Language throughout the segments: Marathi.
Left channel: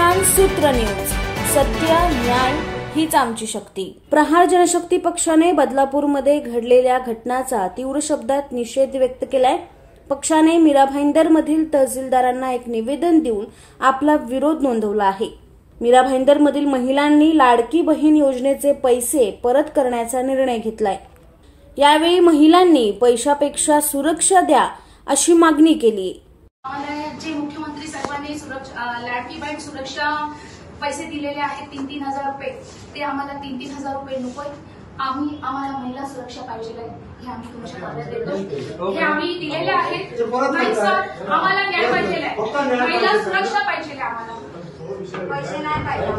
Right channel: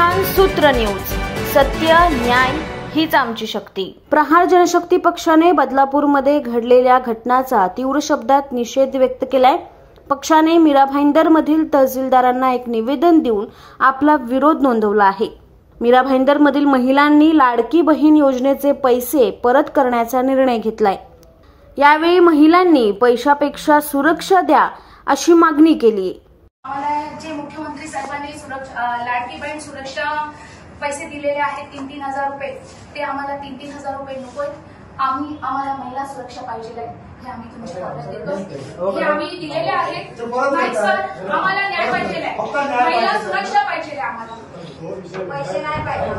संविधान सूत्र न्यूज, सत्य न्याय हीच आमची शक्ती। प्रहार जनशक्ती पक्षाने बदलापूरमध्ये घडलेल्या घटनांचा तीव्र शब्दात निषेध व्यक्त केलाय। पक्षाने मीरा भाईंदर मधील तहसीलदारांना एक निवेदन देऊन आपला विरोध नोंदवला आहे। मीरा भाईंदर मधील महिलांनी लाडकी बहीण योजनेचे पैसे परत करण्याचा निर्णय घेतलाय। यावेळी महिलांनी पैशापेक्षा सुरक्षा द्या अशी मागणी केली। आम्हाला जे मुख्यमंत्री साहेबांनी लाडकी बहीण सुरक्षा पैसे दिलेले आहेत 3,000 रुपये, ते आम्हाला 3,000 रुपये नकोय। आम्हाला महिला सुरक्षा पाहिजे आहे, हे आम्ही तुमच्या ताब्यात देतो। हे आम्ही दिलेले आहेत। नाही सर, आम्हाला न्याय पाहिजे आहे, महिला सुरक्षा पाहिजे आहे। आम्हाला पैसे नाही पाहिजे,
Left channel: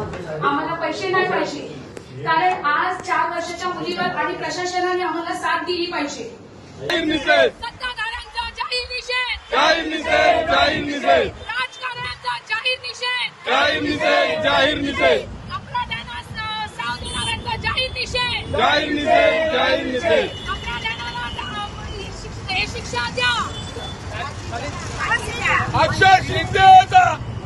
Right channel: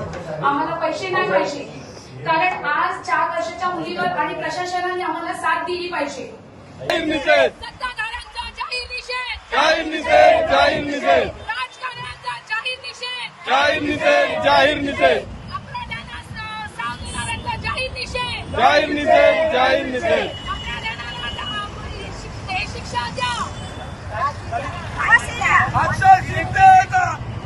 आम्हाला पैसे नाही पाहिजे, कारण आज 4 वर्षाच्या मुलीवर आणि प्रशासनाने आम्हाला साथ दिली पाहिजे। सत्ताधाऱ्यांचा जाहीर निषेध, जाहीर निषेध, जाहीर निषेध, राजकारण्यांचा जाहीर निषेध, जाहीर निषेध, जाहीर निषेध, अपराध्यांना साव देणाऱ्यांचा जाहीर निषेध, जाहीर निषेध, जाहीर निषेध, अपराध्यांना हे शिक्षा द्या। अक्षय शिंदे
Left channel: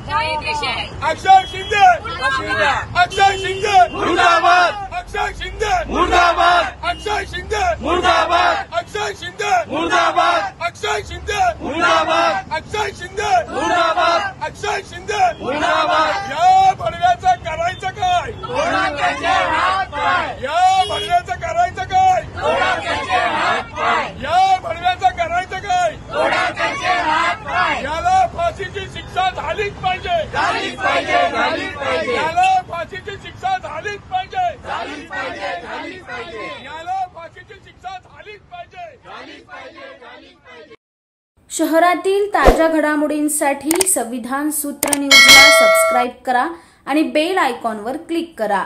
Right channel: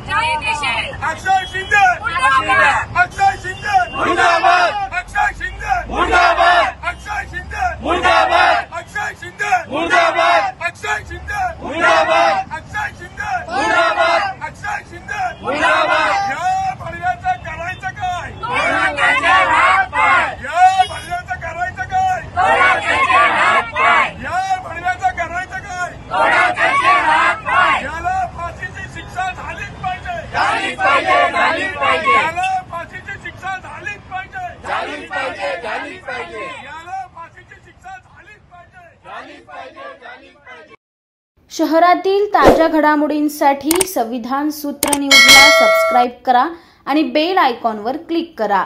जाहीर निषेध, अक्षय शिंदे मुर्दाबाद, अक्षय शिंदे मुर्दाबाद, अक्षय शिंदे मुर्दाबाद, अक्षय शिंदे मुर्दाबाद, अक्षय शिंदे मुर्दाबाद, अक्षय शिंदे मुर्दाबाद, अक्षय शिंदे मुर्दाबाद, अक्षय शिंदे मुर्दाबाद। या बळव्याचं करायचं काय? या बळव्याचं करायचं काय? या बळव्याचं करायचं काय? याला फाशीची शिक्षा झालीच पाहिजे, झालीच पाहिजे, झालीच पाहिजे। याला फाशीची शिक्षा झालीच पाहिजे, झालीच पाहिजे, झालीच पाहिजे। याला फाशीची शिक्षा झालीच पाहिजे, झालीच पाहिजे, झालीच पाहिजे। शहरातील ताज्या घडामोडींसाठी संविधान सूत्र न्यूजला सबस्क्राइब करा आणि बेल आयकॉनवर क्लिक करा।